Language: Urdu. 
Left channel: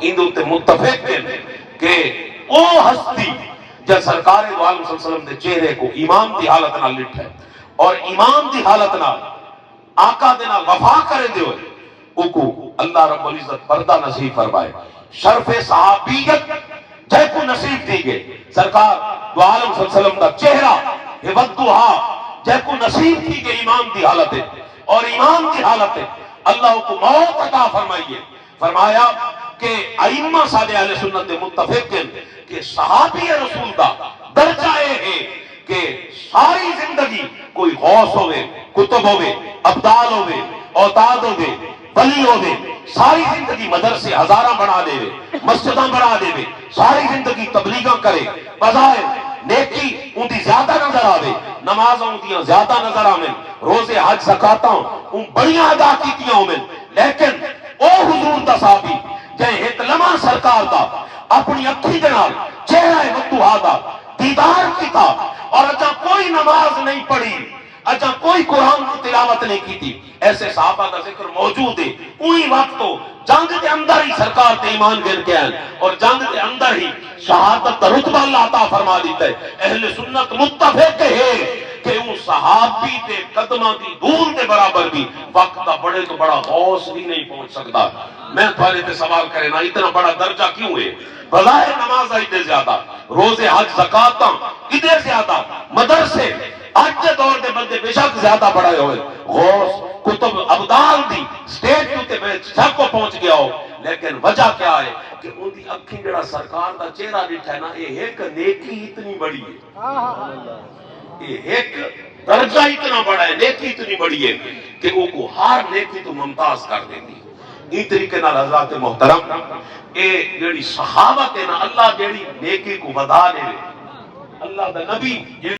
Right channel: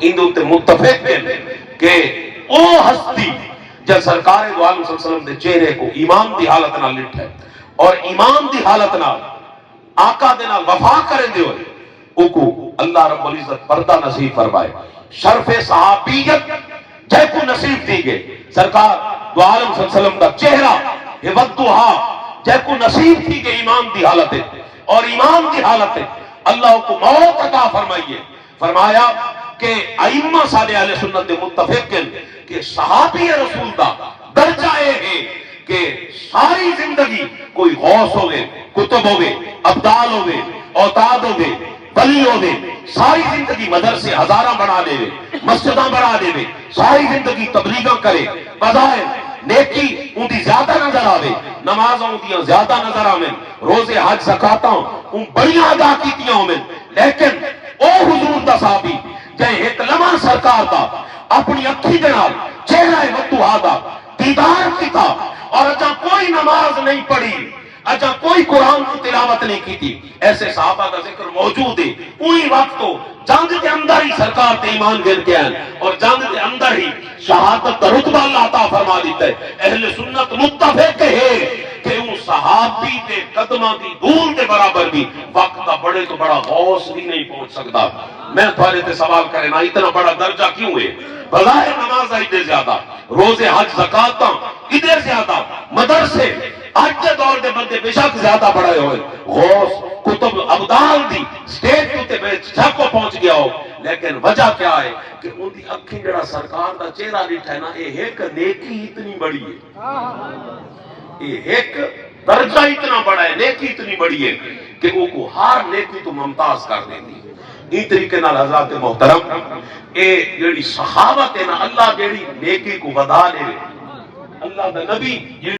اندے تے متفق ہیں کہ او ہستی جب سرکار دو عالم صلی اللہ علیہ وسلم دے چہرے کو ایمان دی حالت نال لٹھا ہے اور ایمان دی حالت نال آقا دے نال وفا کرے دے ہوئے او کو اللہ رب العزت پردہ نصیب فرمائے، شرف صحابیت جے کو نصیب دی گئے، سرکار دو عالم صلی اللہ علیہ وسلم دا چہرہ یہ ودوہا جے کو نصیب تھی گئے ایمان دی حالت ہے اور ایمان دی حالت ہے اللہ کو موت عطا فرمائیے۔ فرمایا کہ ائمہ صالح اہل سنت متفق ہیں کہ صحابی رسول دا درجہ یہ ہے کہ ساری زندگی کوئی غوث ہوئے، کتب ہوئے، ابدال ہوئے، اوتاد ہوئے، ولی ہوئے، ساری زندگی مدرسے ہزارہ بنا لے وے، مسجداں بنا لے وے، ساری زندگی تبلیغاں کرے، بظاہر نیکی ان دی زیادہ نظر آوے، نمازوں دیاں زیادہ نظر آوے، روزے حج زکاتاں ان بڑیاں ادا کیتیاں ہوئے، لیکن او حضور دا صحابی جائے ایک لمحہ سرکار دا اپنی اکھی دے نال چہرہ ودوہا دا دیدار کی تھا اور اجا کوئی نماز نہیں پڑھی، اجا کوئی قرآن کی تلاوت نہیں کی تھی، ایسے صحابہ کا ذکر موجود ہے۔ وہی وقت تو جنگ کے اندر ہی سرکار تے ایمان گر کے آئے اور جنگ کے اندر ہی شہادت کا رتبہ اللہ عطا فرما دیتا ہے۔ اہل سنت متفق ہے کہ ان صحابی کے قدمہ کی دھول کے برابر بھی وقت کا بڑے تو بڑا غوث بھی نہیں پہنچ سکتا۔ میں تھوڑے تے سوال کرے نا اتنا بڑا درجہ کیوں ہے؟ بظاہر نماز ادھر زیادہ، روزے حج زکاتاں ادھر زیادہ، مدرسے آج کے دور کے بندے بے شک زیادہ بڑے ہوئے، غوث کتب ابدال دی سٹیج تے میں جھک کو پہنچ گیا ہو، لیکن وجہ کیا ہے کہ ان دی اکھی جڑا سرکار دا چہرہ ڈٹھا ہے نا یہ ایک نیکی اتنی بڑی ہے، یہ ایک درجہ اتنا بڑا ہے، نیکی اتنی بڑی ہے کہ وہ کو ہر نیکی تو ممتاز کر دیتی ہے۔ اس طریقے نال حضرات محترم اے جڑی صحابت ہے نا اللہ جڑی نیکی کو ودا لے، اللہ دا نبی